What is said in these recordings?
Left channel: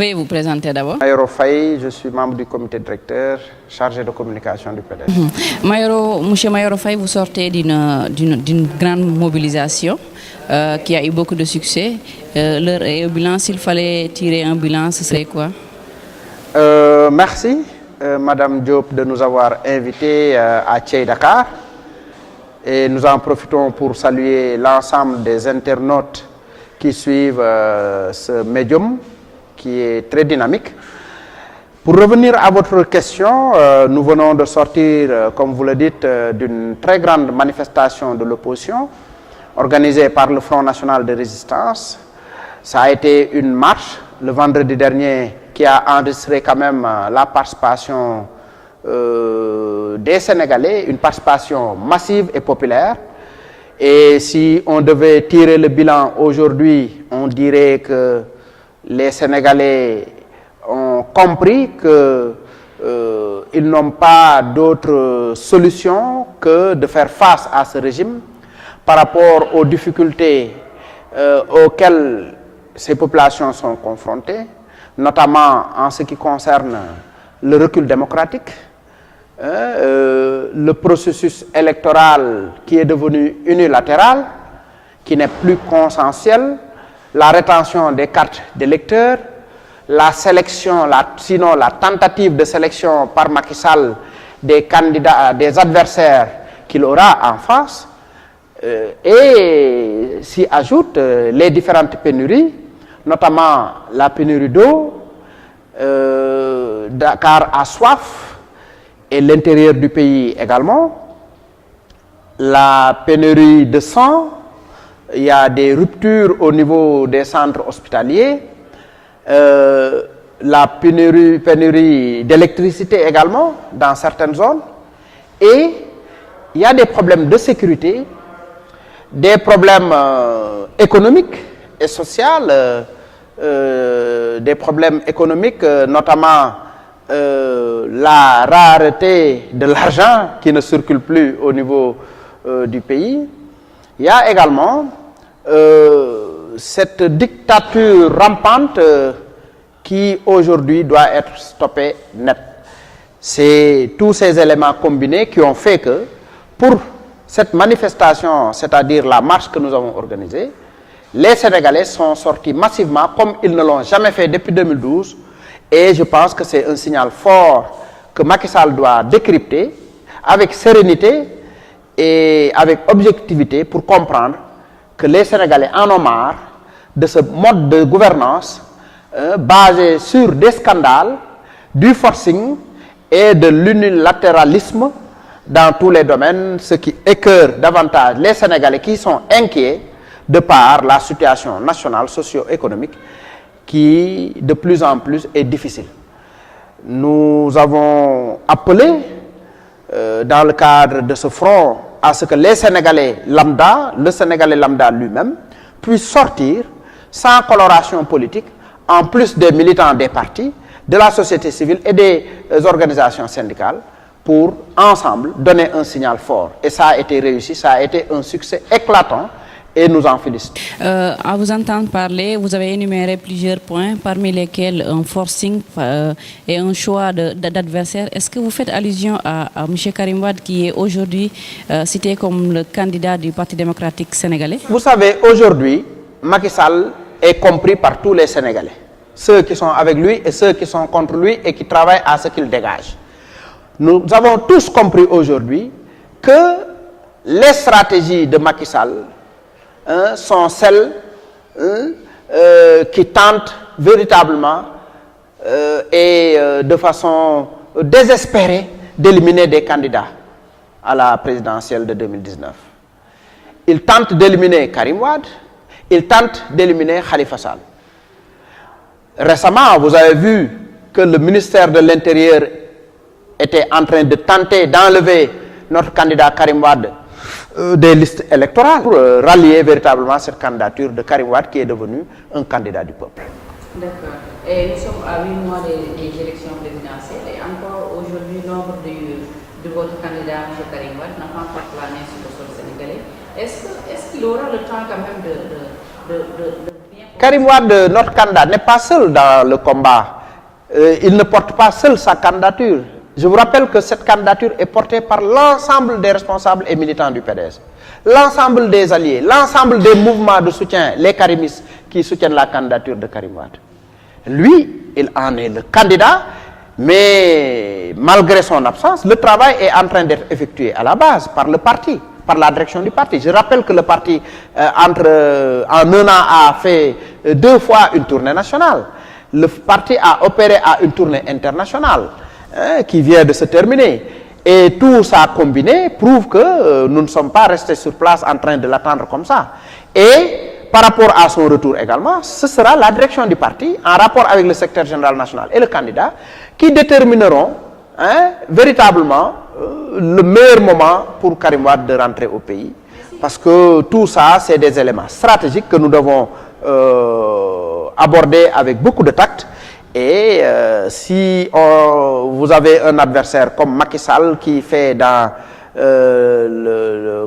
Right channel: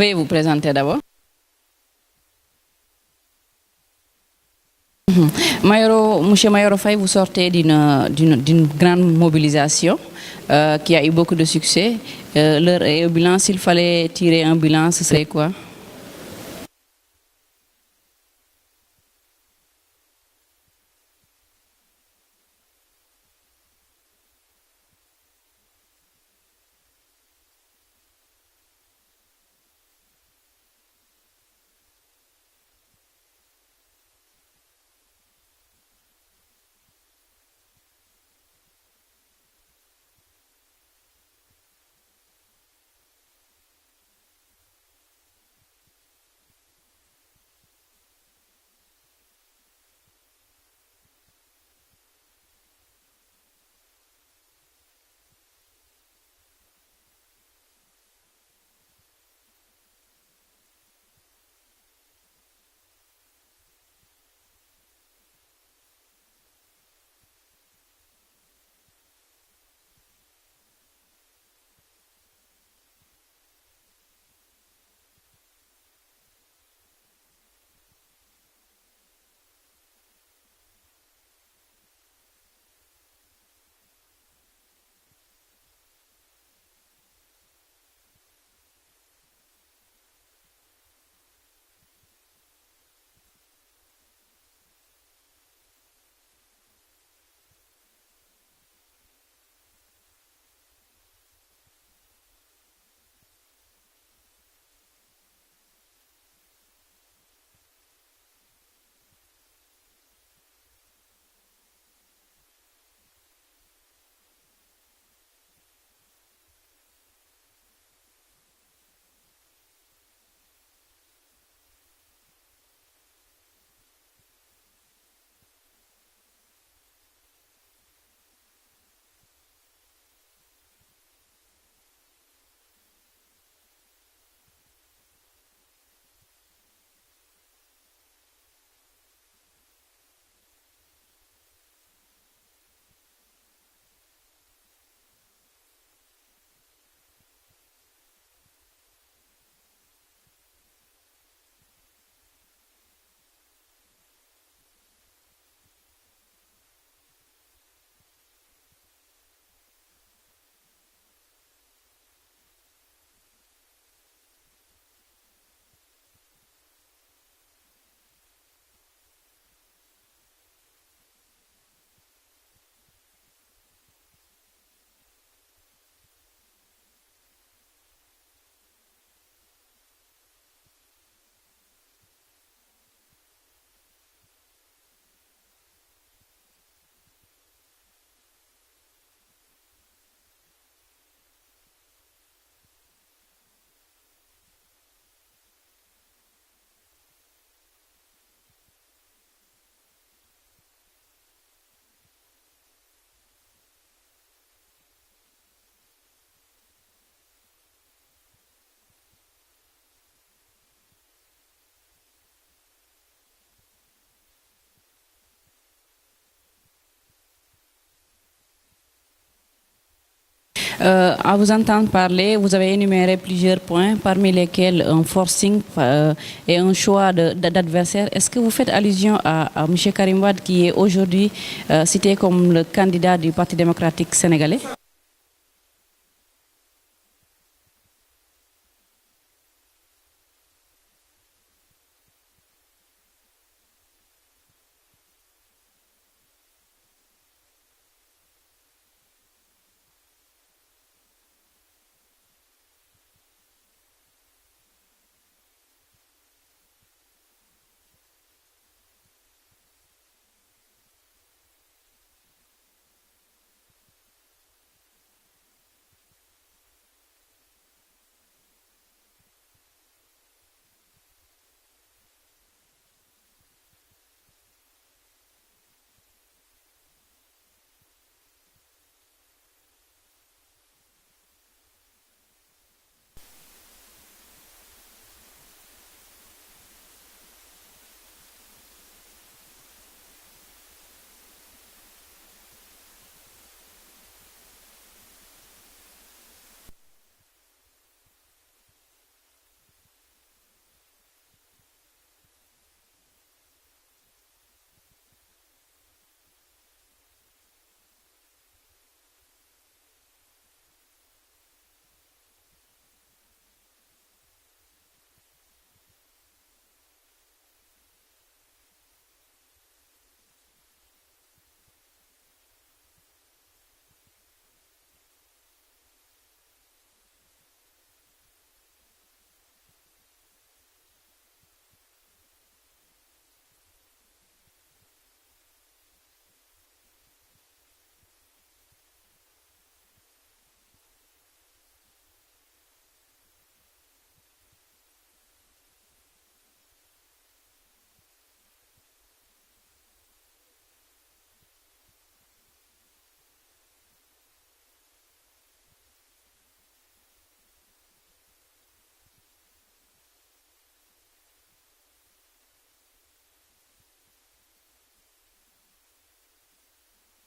Veuillez vous présenter d'abord. Mayoro Faye, je suis membre du comité directeur chargé de communication du PDS. Monsieur Mayoro Faye, vous sortez d'une grande mobilisation qui a eu beaucoup de succès. L'heure est au bilan. S'il fallait tirer un bilan, ce serait quoi? Merci, Madame Diop, de nous avoir invités à Thiey Dakar. Et nous en profitons pour saluer l'ensemble des internautes qui suivent ce médium qui est très dynamique. Pour revenir à votre question, nous venons de sortir, comme vous le dites, d'une très grande manifestation de l'opposition organisée par le Front National de Résistance. Ça a été une marche le vendredi dernier qui a enregistré quand même la participation des Sénégalais, une participation massive et populaire. Et si on devait tirer le bilan aujourd'hui, on dirait que les Sénégalais ont compris qu'ils n'ont pas d'autre solution que de faire face à ce régime par rapport aux difficultés auxquelles ces populations sont confrontées, notamment en ce qui concerne le recul démocratique, le processus électoral qui est devenu unilatéral, qui n'est plus consensuel, la rétention des cartes d'électeurs, la sélection, sinon la tentative de sélection par Macky Sall des candidats, des adversaires qu'il aura en face, et s'y ajoutent les différentes pénuries, notamment la pénurie d'eau, Dakar a soif, et l'intérieur du pays également, la pénurie de sang, il y a des ruptures au niveau des centres hospitaliers, la pénurie d'électricité également dans certaines zones, et il y a des problèmes de sécurité, des problèmes économiques et sociaux, des problèmes économiques, notamment la rareté de l'argent qui ne circule plus au niveau du pays. Il y a également cette dictature rampante qui aujourd'hui doit être stoppée net. C'est tous ces éléments combinés qui ont fait que pour cette manifestation, c'est-à-dire la marche que nous avons organisée, les Sénégalais sont sortis massivement comme ils ne l'ont jamais fait depuis 2012, et je pense que c'est un signal fort que Macky Sall doit décrypter avec sérénité et avec objectivité pour comprendre que les Sénégalais en ont marre de ce mode de gouvernance basé sur des scandales, du forcing et de l'unilatéralisme dans tous les domaines, ce qui écœure davantage les Sénégalais qui sont inquiets de par la situation nationale socio-économique qui de plus en plus est difficile. Nous avons appelé dans le cadre de ce front à ce que les Sénégalais lambda, le Sénégalais lambda lui-même, puissent sortir sans coloration politique, en plus des militants des partis, de la société civile et des organisations syndicales, pour ensemble donner un signal fort. Et ça a été réussi, ça a été un succès éclatant et nous en félicitons. À vous entendre parler, vous avez énuméré plusieurs points, parmi lesquels un forcing et un choix d'adversaire. Est-ce que vous faites allusion à M. Karim Wade qui est aujourd'hui cité comme le candidat du Parti démocratique sénégalais? Vous savez, aujourd'hui, Macky Sall est compris par tous les Sénégalais. Ceux qui sont avec lui et ceux qui sont contre lui et qui travaillent à ce qu'il dégage. Nous avons tous compris aujourd'hui que les stratégies de Macky Sall sont celles qui tentent véritablement et de façon désespérée d'éliminer des candidats à la présidentielle de 2019. Ils tentent d'éliminer Karim Wade, ils tentent d'éliminer Khalifa Sall. Récemment, vous avez vu que le ministère de l'Intérieur était en train de tenter d'enlever notre candidat Karim Wade des listes électorales pour rallier véritablement cette candidature de Karim Wade qui est devenu un candidat du peuple. D'accord. Et nous sommes à 8 mois des élections présidentielles et encore aujourd'hui, l'ombre de votre candidat, M. Karim Wade, n'a pas encore plané sur le sol sénégalais. Est-ce qu'il aura le temps quand même de bien Karim Wade, notre candidat, n'est pas seul dans le combat. Il ne porte pas seul sa candidature. Je vous rappelle que cette candidature est portée par l'ensemble des responsables et militants du PDS. L'ensemble des alliés, l'ensemble des mouvements de soutien, les karimistes qui soutiennent la candidature de Karim Wade. Lui, il en est le candidat, mais malgré son absence, le travail est en train d'être effectué à la base par le parti, par la direction du parti. Je rappelle que le parti, en un an, a fait 2 fois une tournée nationale. Le parti a opéré à une tournée internationale qui vient de se terminer. Et tout ça combiné prouve que nous ne sommes pas restés sur place en train de l'attendre comme ça. Et par rapport à son retour également, ce sera la direction du parti, en rapport avec le secrétaire général national et le candidat, qui détermineront véritablement le meilleur moment pour Karim Wade de rentrer au pays. Parce que tout ça, c'est des éléments stratégiques que nous devons aborder avec beaucoup de tact. Et si vous avez un adversaire comme Macky Sall qui fait dans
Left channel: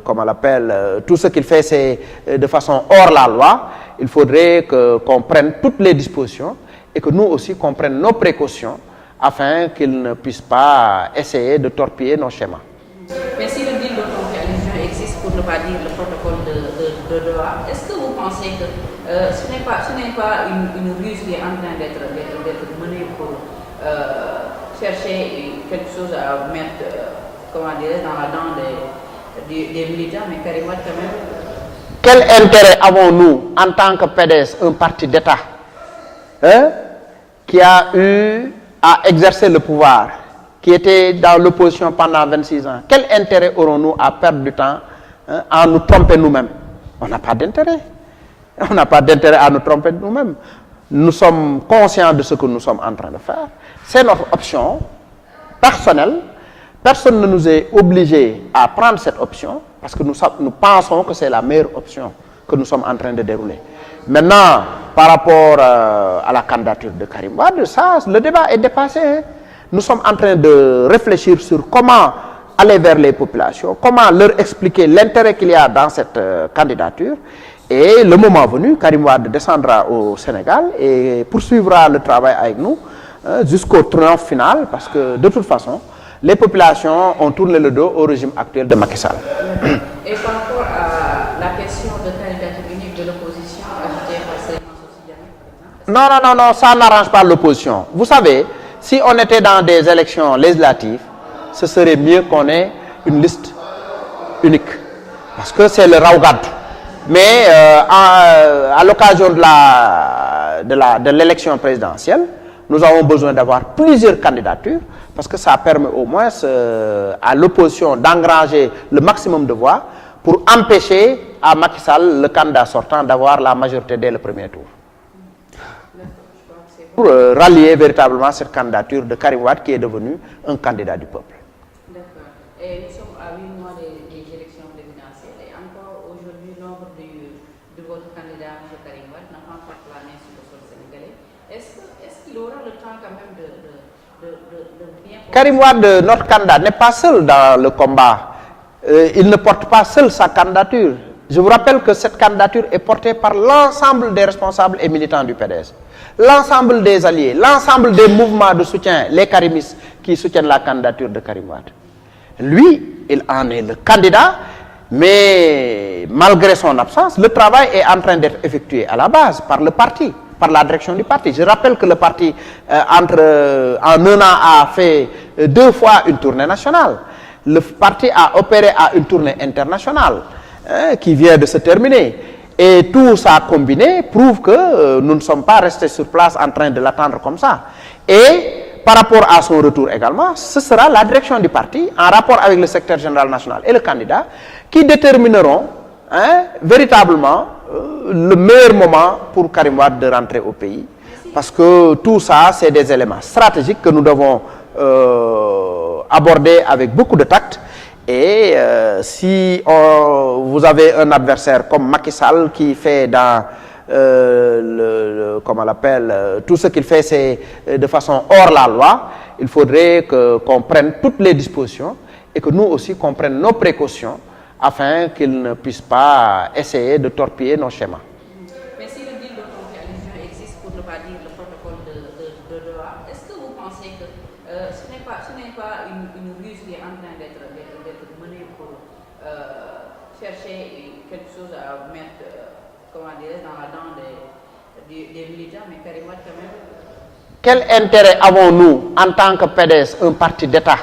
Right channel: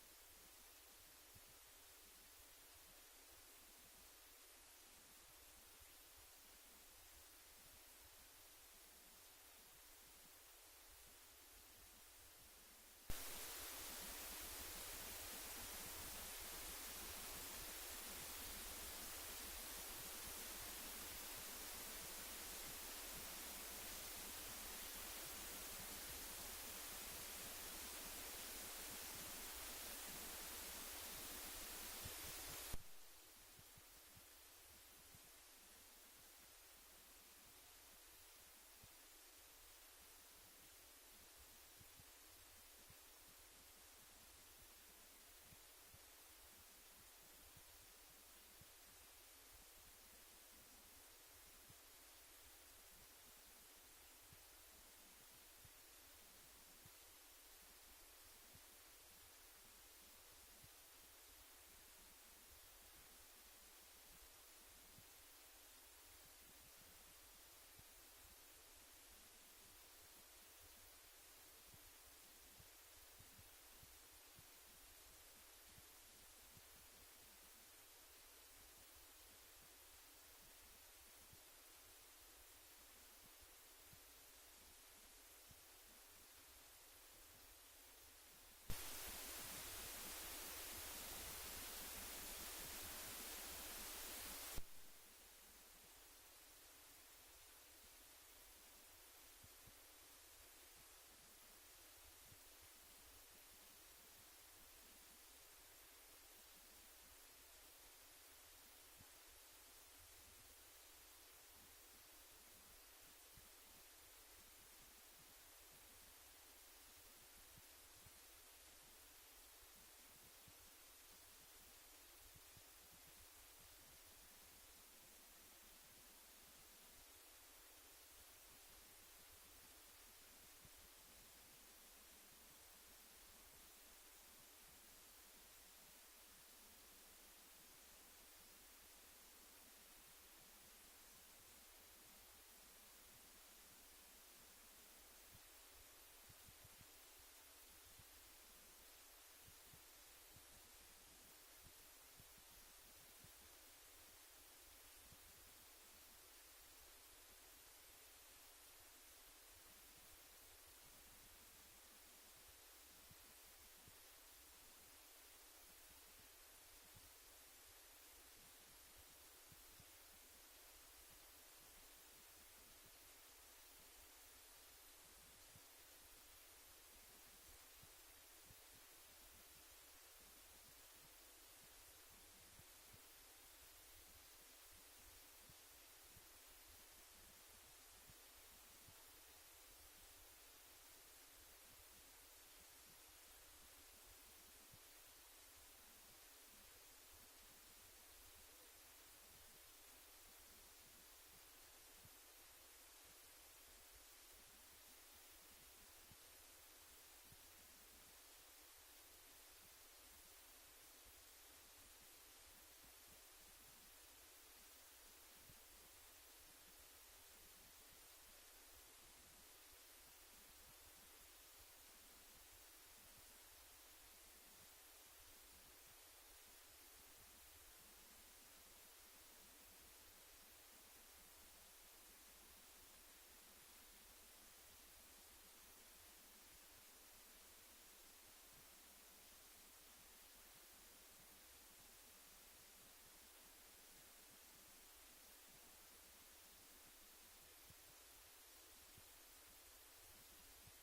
comment on l'appelle, tout ce qu'il fait c'est de façon hors la loi, il faudrait qu'on prenne toutes les dispositions et que nous aussi qu'on prenne nos précautions afin qu'il ne puisse pas essayer de torpiller nos schémas. Mais si le deal d'auto-réalisation existe, pour ne pas dire le protocole de Doha, est-ce que vous pensez que ce n'est pas une ruse qui est en train d'être menée pour chercher quelque chose à mettre comment dire, dans la dent des militants, mais Karim Wade quand même? Quel intérêt avons-nous en tant que PDS, un parti d'État, qui a eu à exercer le pouvoir, qui était dans l'opposition pendant 26 ans? Quel intérêt aurons-nous à perdre du temps à nous tromper nous-mêmes? On n'a pas d'intérêt. On n'a pas d'intérêt à nous tromper nous-mêmes. Nous sommes conscients de ce que nous sommes en train de faire. C'est notre option personnelle. Personne ne nous est obligé à prendre cette option parce que nous pensons que c'est la meilleure option que nous sommes en train de dérouler. Maintenant, par rapport à la candidature de Karim Wade, ça, le débat est dépassé. Hein. Nous sommes en train de réfléchir sur comment aller vers les populations, comment leur expliquer l'intérêt qu'il y a dans cette candidature. Et le moment venu, Karim Wade descendra au Sénégal et poursuivra le travail avec nous jusqu'au triomphe final parce que de toute façon, les populations ont tourné le dos au régime actuel de Macky Sall. Et par rapport à la question de candidature unique de l'opposition, ajoutée par Souleymane Socé Diamé, par exemple? Non, ça n'arrange pas l'opposition. Vous savez, si on était dans des élections législatives, ce serait mieux qu'on ait une liste unique. Parce que c'est le Raougad. Mais à l'occasion de l'élection présidentielle, nous avons besoin d'avoir plusieurs candidatures parce que ça permet au moins à l'opposition d'engranger le maximum de voix pour empêcher à Macky Sall, le candidat sortant, d'avoir la majorité dès le premier tour. Pour rallier véritablement cette candidature de Karim Wade qui est devenu un candidat du peuple. D'accord. Et nous sommes à 8 mois des élections présidentielles et encore aujourd'hui, l'ombre de votre candidat, M. Karim Wade, n'a pas encore plané sur le sol sénégalais. Est-ce qu'il aura le temps quand même de bien... Karim Wade, notre candidat, n'est pas seul dans le combat. Il ne porte pas seul sa candidature. Je vous rappelle que cette candidature est portée par l'ensemble des responsables et militants du PDS. L'ensemble des alliés, l'ensemble des mouvements de soutien, les karimistes qui soutiennent la candidature de Karim Wade. Lui, il en est le candidat, mais malgré son absence, le travail est en train d'être effectué à la base par le parti, par la direction du parti. Je rappelle que le parti, en un an, a fait 2 fois une tournée nationale. Le parti a opéré à une tournée internationale qui vient de se terminer. Et tout ça combiné prouve que nous ne sommes pas restés sur place en train de l'attendre comme ça. Et par rapport à son retour également, ce sera la direction du parti, en rapport avec le secrétaire général national et le candidat, qui détermineront véritablement le meilleur moment pour Karim Wade de rentrer au pays. Parce que tout ça, c'est des éléments stratégiques que nous devons aborder avec beaucoup de tact. Et si vous avez un adversaire comme Macky Sall qui fait dans comment on l'appelle, tout ce qu'il fait c'est de façon hors la loi, il faudrait qu'on prenne toutes les dispositions et que nous aussi qu'on prenne nos précautions afin qu'il ne puisse pas essayer de torpiller nos schémas. Mais si le deal d'auto-réalisation comment dire, dans la dent des militants, mais Karim Wade quand même. Quel intérêt avons-nous en tant que PDS, un parti d'État,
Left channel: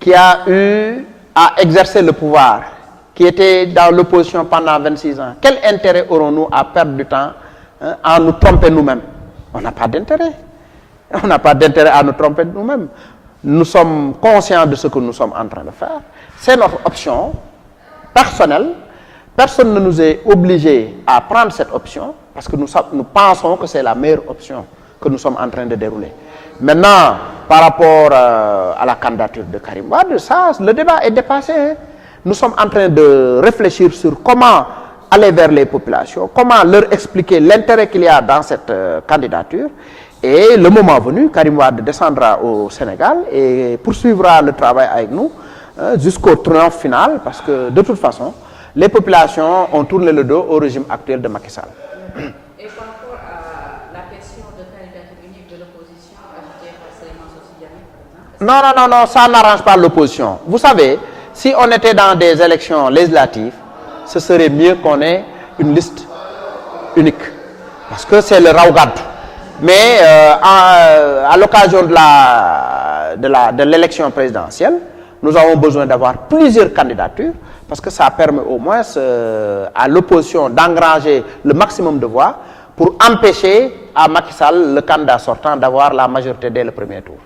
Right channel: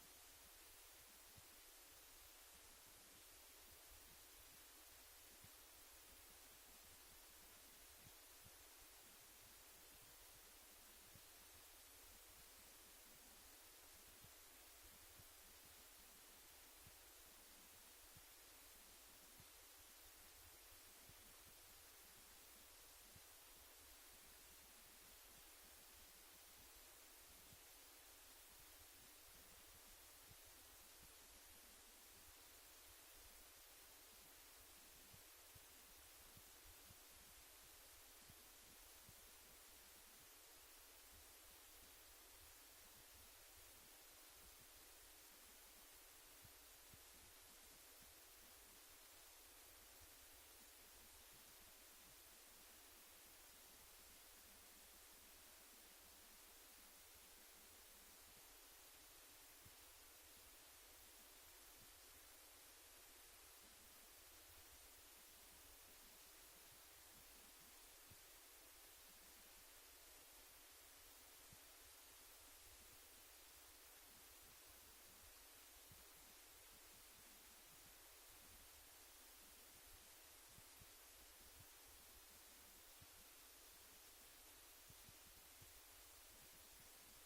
qui a eu à exercer le pouvoir, qui était dans l'opposition pendant 26 ans? Quel intérêt aurons-nous à perdre du temps à nous tromper nous-mêmes? On n'a pas d'intérêt. On n'a pas d'intérêt à nous tromper nous-mêmes. Nous sommes conscients de ce que nous sommes en train de faire. C'est notre option personnelle. Personne ne nous est obligé à prendre cette option parce que nous pensons que c'est la meilleure option que nous sommes en train de dérouler. Maintenant, par rapport à la candidature de Karim Wade, ça, le débat est dépassé. Hein. Nous sommes en train de réfléchir sur comment aller vers les populations, comment leur expliquer l'intérêt qu'il y a dans cette candidature. Et le moment venu, Karim Wade descendra au Sénégal et poursuivra le travail avec nous jusqu'au triomphe final, parce que de toute façon, les populations ont tourné le dos au régime actuel de Macky Sall. Et par rapport à la question de candidature unique de l'opposition, ajoutée par Souleymane Socé Diamé, par exemple? Non, ça n'arrange pas l'opposition. Vous savez, si on était dans des élections législatives, ce serait mieux qu'on ait une liste unique, parce que c'est le raougat. Mais à l'occasion de l'élection présidentielle, nous avons besoin d'avoir plusieurs candidatures, parce que ça permet au moins à l'opposition d'engranger le maximum de voix pour empêcher à Macky Sall, le candidat sortant, d'avoir la majorité dès le premier tour.